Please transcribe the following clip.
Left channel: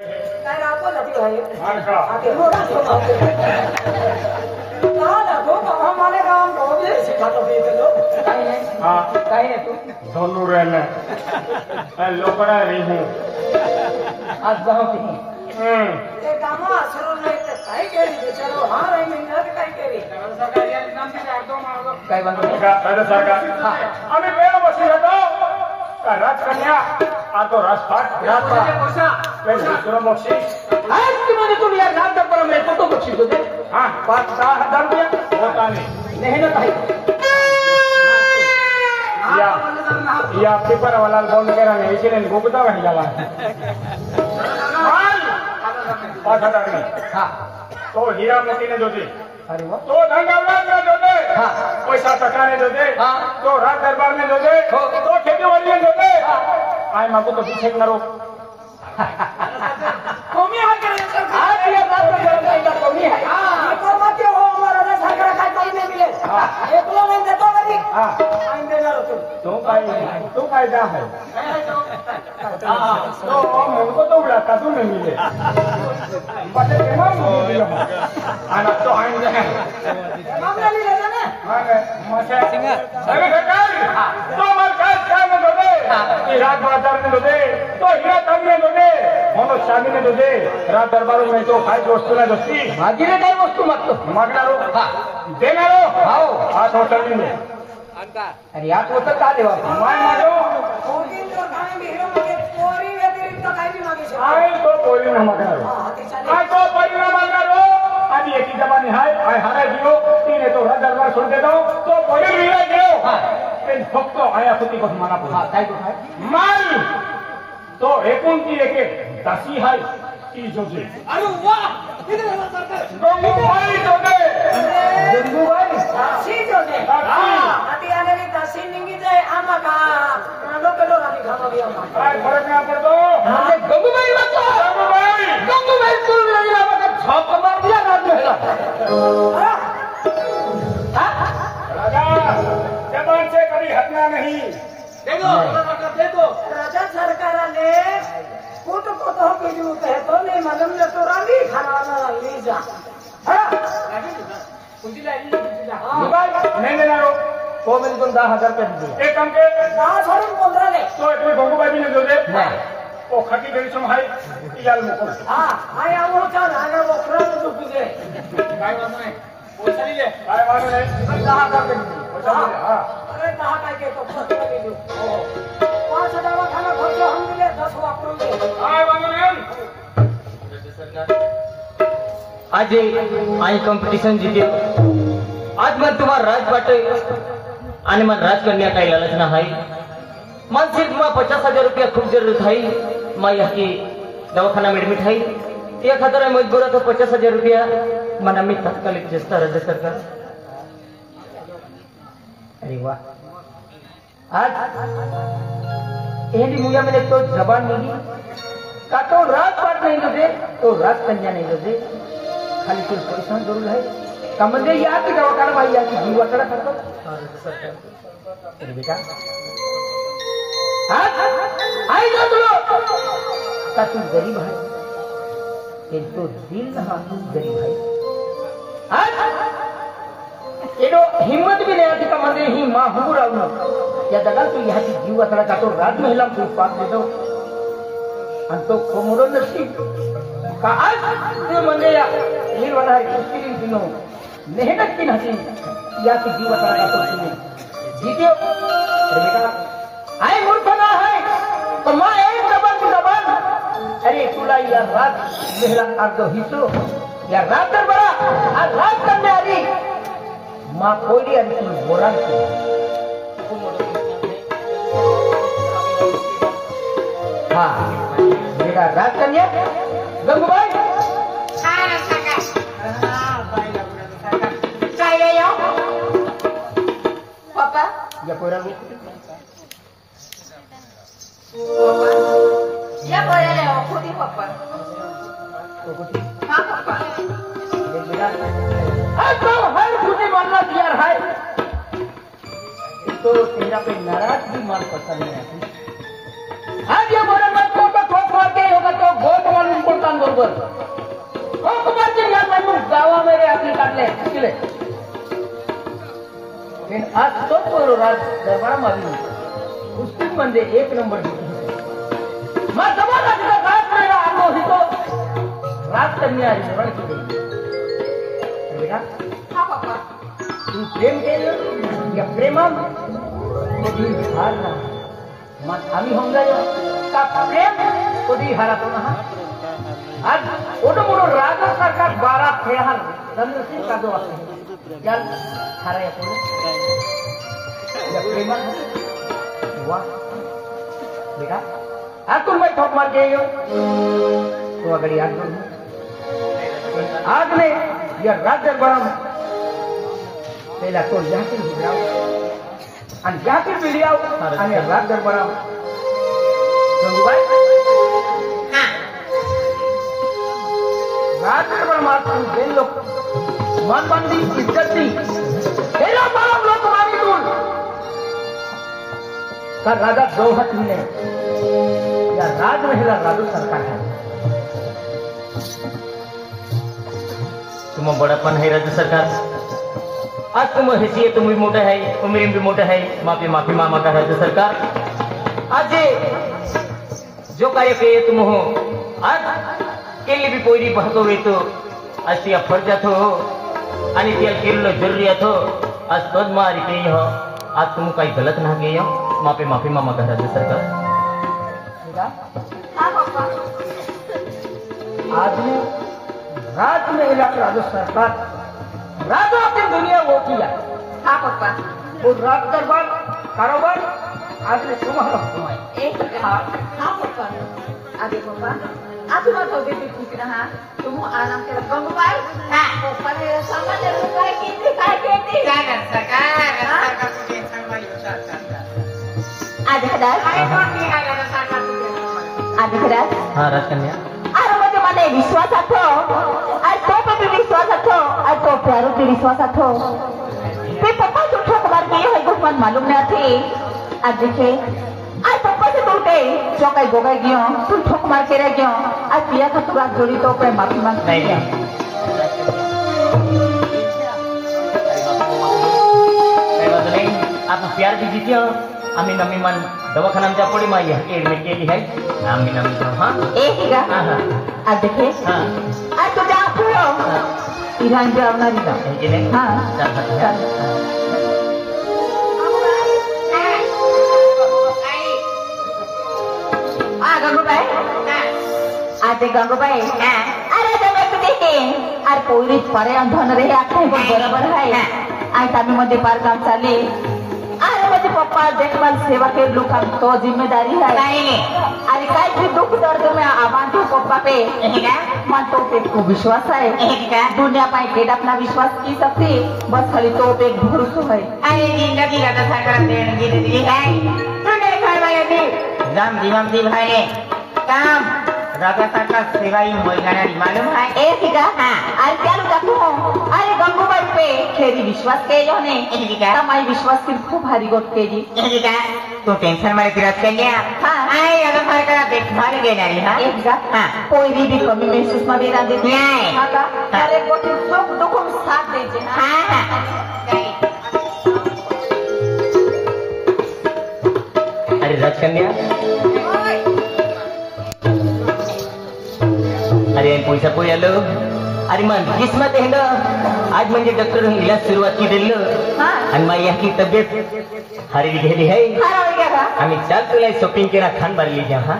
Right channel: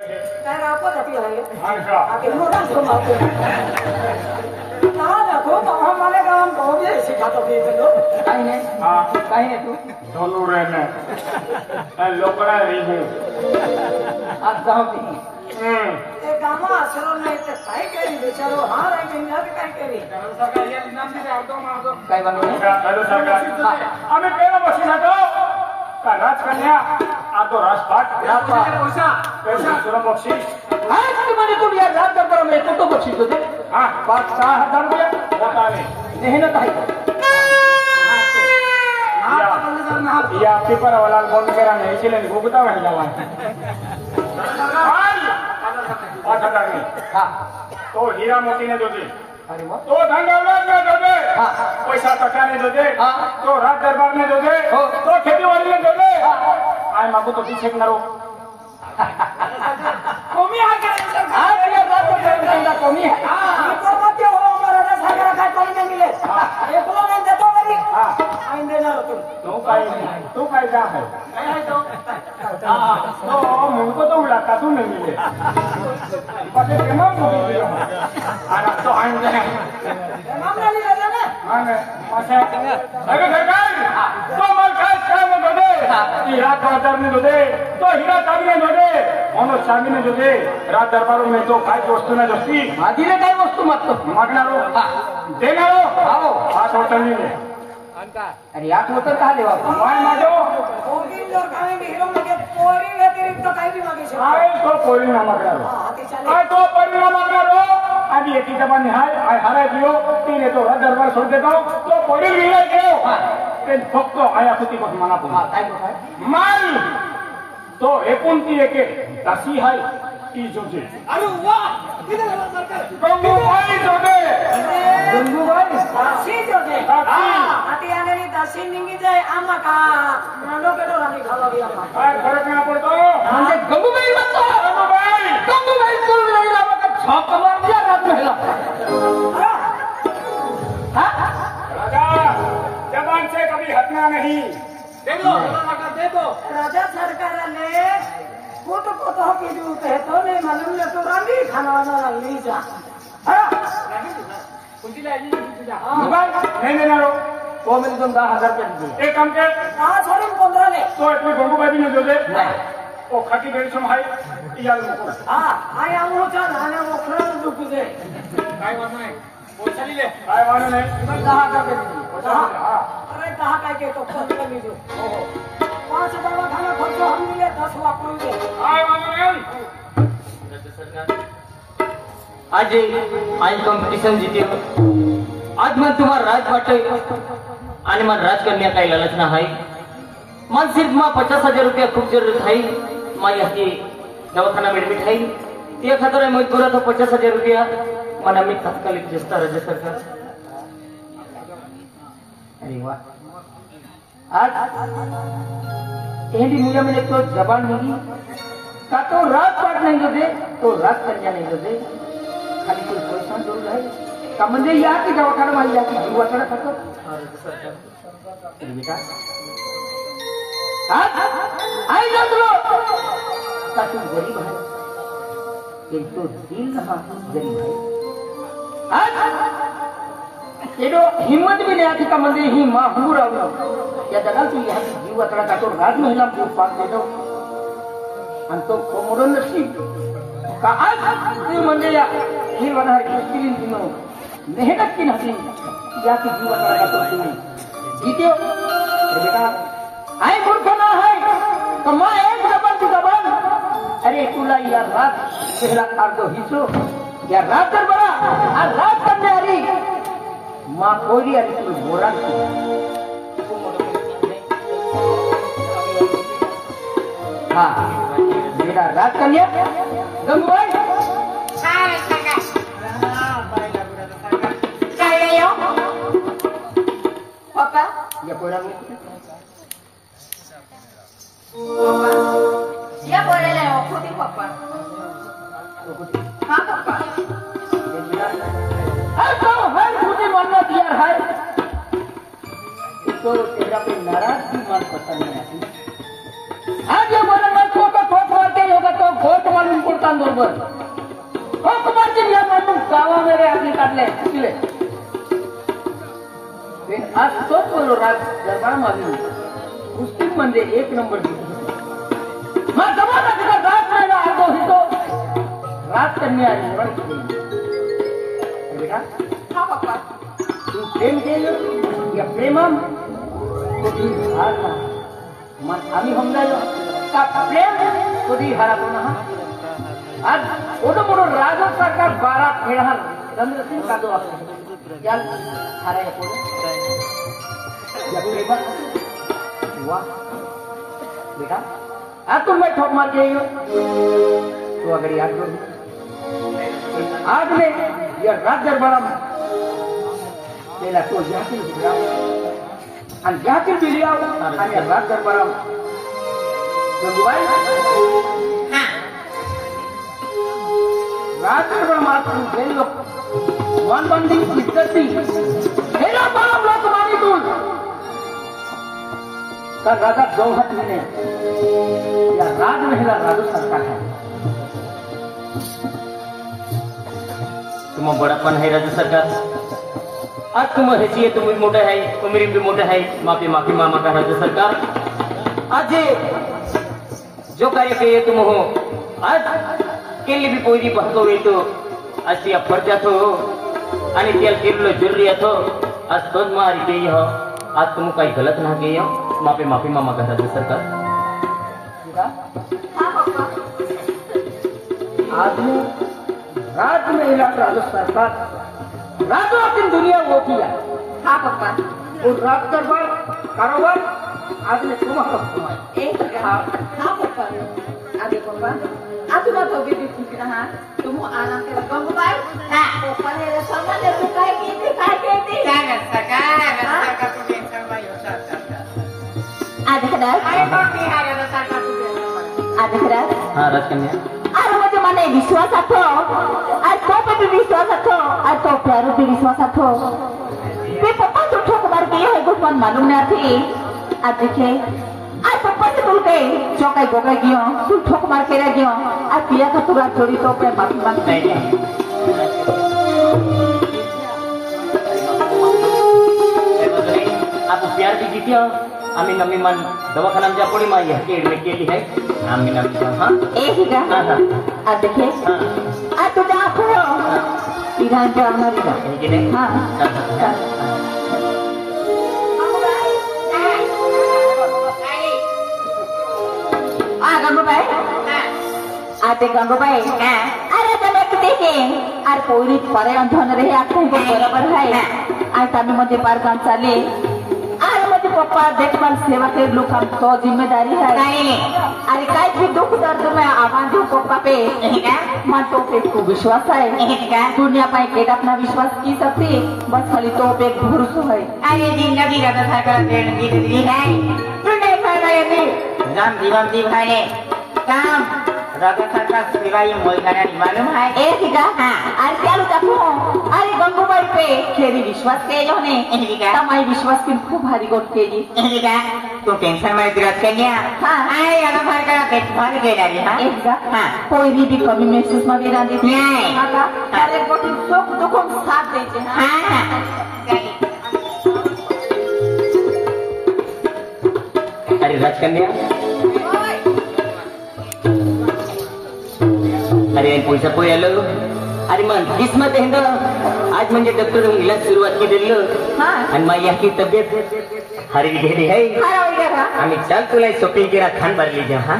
काय राखो जाती भाई हां का आके मोटा सोना दादा को हमारे काम को भी सिखातो दे दो काय है हां काय है तू दोनों रहने लोकरा रीजू आज जाऊ ती ते काम असलो नाही ते काय केली बेचारो हा रे मेहनत काय केली सरकार या नाम से अर्धो मारदो काय बनवलं अरे सरकार आम्ही पहिला बसून होतो का राजकन्या आ तो राजपाट पैसा दुसरं बक्षीस आज तुम्ही तुम्ही या नाम तर करून मिळतो तो बक्षीस होते हां 5,000 रुपये होता नाही मेहनत आहे या पेपर वाला फोन करा नाही इचले गोगता वाटला हाल 5,000 में हां तो हीरा मोती ने दोते अरे वाह तो धंगावला में दोते हां पैसा टका ने दोते हां तो रात दरबार में दोते हो तो खेती वाली में दोते आय मागो तो पीछे करो कमी आहे का सरकार या जात कमी आहे हां तो मत हो हमारा ने सागर काय कोई नाही मिले हां एकला नाही देतो कधी हां आईन देणार होतो तो काय जा है काय आहे तो तो मुझको तो उड़ाता तू नहीं मिले पता केना बोल आना तो आईन देना मामला लिहिलेला ना मांगे माथा अरे सरकार तो मर काय में दोते हीरा बाजार में दोते तो हीरा कब में दोते म्हणून सागी में दोते रात दरबार में तो काय वस्तू ना दस्ती मागीने काय वस्तू मागतो मागणारो देणारो हो हात होतणी ने अरे यात होतं का देवा माय मागो होगिन जर काही हिरो मागे पोरी व्यतिरिक्त काही बी मागे शकतो आय तो पोरी ना मागणारो हां ते चालेल आय तो पोरी ना मागणारो आधी एकी दबा निहाय आय हाराय दियो तिने तो रात दरबार सोड देतो तो पोरी मिलाय देव ते फक्त आया कुती को मना को हां काय काय माल तो एकूण ती एक दासी हाय ती जोजे अरे वाह किती झाला सरकार गंगूबाई जोजे गंगूबाई दासी जोजे दासी. आती आलेली दासी निंगी जाय आम्हा का नांदो पेटो राणी खावा दिया काय फरक ना पडतो म्हणजे गंगूबाई म्हणतो गंगूबाई तुल नाही लावा का झोप मारल्या रात भेटला राजा जबान से कभी हटना नहीं दे दो राजा सरकाराने कुट को तो की दूं कहतो नहीं मालूम न तो रानी खाना ना ली जा कुंडी लाली जा नहीं देना रो वो मैं तुम 10,000 पे दे एक काम के 15 ले तो इतने गंगूबाई भी नहीं दोते ओ खाकी बेसम हाय इयाल मुकुल हां आय आलो था नाने ओखरा तो दुख दे काय वांधो नाही पैसा दिले काय वांधो नाही 10,000 पे हां अरे 10 काय के तो पस्ते ले दो हो 5 दवाखाना खर्च हम दिले 10 वापरून दे काय वांधो नाही आज आई कॉम्पिटिशन जीत्यो आज मैं तुम्हारा राज बाटे आणि मन राज करने का लालच ना है मन सिर्फ मां 50,000 रुपया खूब जरूरत है मां यहाँ दवाखाना में एडमिट है एक हजार मैं गोरा तो 50,000 रुपया मन मी तात्कालिक जस्ता राज्य सरकार अरे वाह आज एडी मुझे मैंने तो जबान नहीं तातो रात पाट नहीं दे तो रात कन्या नहीं दे खाली कोई पैसा जरूर है संबंधी या की दवाखाना में या की दवाखाना खातो बेटा आई जा तुलो तू गरीब है किंतु दिल ना गरीब है ये जो हिम्मत भी नहीं आती का मंदिर ही मां दूर आओ या दगा तू यहाँ की जीव अकड़ा का तो राज महिला को पास दे दो अंतो कोमरो नसीब का आज जो मंदिर ये वाला है मुश्किल दिनों मेहनत की नहीं या की जीव अकड़ा का तो जीते बेटा आई मूर्ख ना है तो मां एक जबान की जबान अरे तुला या रात महिला का तो हिस्सो या रात बड़ा और रात कन्यारी मां कोई आणि तू बोरान की हां मेरा रात कन्या गंगूबाई हां सरकार हां बाई लागुरा तो सरकार काय यो पापा या पोरांनी पापा या पोराला खुदी पापा हां पापा तो हर खुशी मानना तैयार है तो तेरा पे नाराज भी मान पता नहीं आती आज ये बोले मत को ठोक मारते होगा तो बहुत मन को बरोबर हो कुमारजी या माणूस गावामध्ये आपली काढले किले आज तोच बोलो राज दरबार मागणी कुस्ती म्हणजे एक नंबर मग जमाना तिला राज करायला आलो होतो राज त्यांनी आज निवड केली हा पप्पा तू प्रेम केलं या प्रेमा कधी हारला मग आम्ही होऊन जायो का प्रेम कधी हारतो ना आज ओढ म्हणून राजा सारखा 12 खेळाल चंद्रसिंग कादो आपले याल हारायचो या प्रेमात वाह देखा आज तुम मैं ठोक मार के तो अगर याद करो आज में यह राज दरबार में पहला तो जाकर आणि जाकर दिली आहो आणि राज दरबार राज दरबार मात्र गेलो मन बंदी इज्जती हेलो बड़ा लोक मानी तुल पर राजा द्रौपदी ने या राज महिला राजू सरकार है तुम बड़ापन है राज्य सरकार आज तुम हैसियत भी मोटा है उम्र भी मोटा है माफी माफी मामा का राज्य सरकार आज जो कार्य करिए तुम हो आज केली भी पोरी बहतो वेतो आज या फरजात हो आणि त्याला केलो जरुरियात हो आज तोच मारी के हो आज तुम काही गलत ना के हो माफी माफी मामा का राज्य सरकार हा पप्पा आदमी राज महिला राजू सरकार राजू अपनी दुनिया वो किया हा पप्पा वो राज दरबार कारोबार आदमी तुम्हारा घुमाए एक हा पप्पा आदि पप्पा आज तुम्हारा तो भी ठीक रहा तुम आराम से कम भाई हां पप्पा ने सामान रुपए की थी काय के थी सरकार तू टेंशन में होता आधी खराब काय कोण की हा सरकार तू टेंशन आधी खराब हाँ राजकन्या अरे म्हणजे मला विश्वास आठो आज तो पे विश्वास आठो आज तो प्यारो पे विश्वास आठो ते पप्पा झूठो कुमार के है कुछ मन मालूम ना थी आज देखे आज पप्पा से बोल के जो कई गोगा गयो तू ठोक मार के रह गयो आज पिया का तुरा जोड़ी तो पे माफी मांग नहीं आप प्यार भी जीते हो आम्ही नमी मन दवाखान्याच्या पोळी माझी ऍडमिट केली आहे आम्ही नमी हाँ एक ही हाँ हाँ आज देखे हाँ आज तुझा आखो ईरान जावणारी ना हे गेले हाँ चल चल हाँ गंगूबाई आते गंगूबाई अरे जब एक देखे अरे पोरी परे अंधन रहे आखे बरोबर है आज आम्ही मध्ये पार काम चाले आज माझे पप्पा देखभाल सेवा के लोग तो जिम्मेदारी है अरे काय भी दुख दर्द में आवाज दो पप्पा पे मां तो पे विश्वास है दुनिया पे के अपना विश्वास की सकती बस खाली तो पे भरोसा है अरे जिंदगी का तो सरकार दे है तूने फरमाया थी राम जी भाई ने काम राजा सरकार सेवाई मोलगाना मालूम है एक ही हाँ अरे क्या देखो अरे गंगूबाई पे खेरी विश्वास के जो ने हमारी विश्वास की खूब भारी गोट के जी तू टेंशन में विराज कन्या हाँ आए राजा सरकार देखभाल के डाली हां एक जा हाँ कोई भी कमी महसूस में बेरा देती नहीं। अरे गोटे सब दुखों साथ देते हैं हां अरे राजकन्या अरे पैसा पोळी आलो अरे मग किस्मत आहे का आज म्हणजे डॉक्टर इलाज सुरुवात की दिलं हाँ आणि माझी की तब्येत हरी गेली आहे हाँ आम्ही चाल तुला शॉपिंग केला खान भरली जा हाँ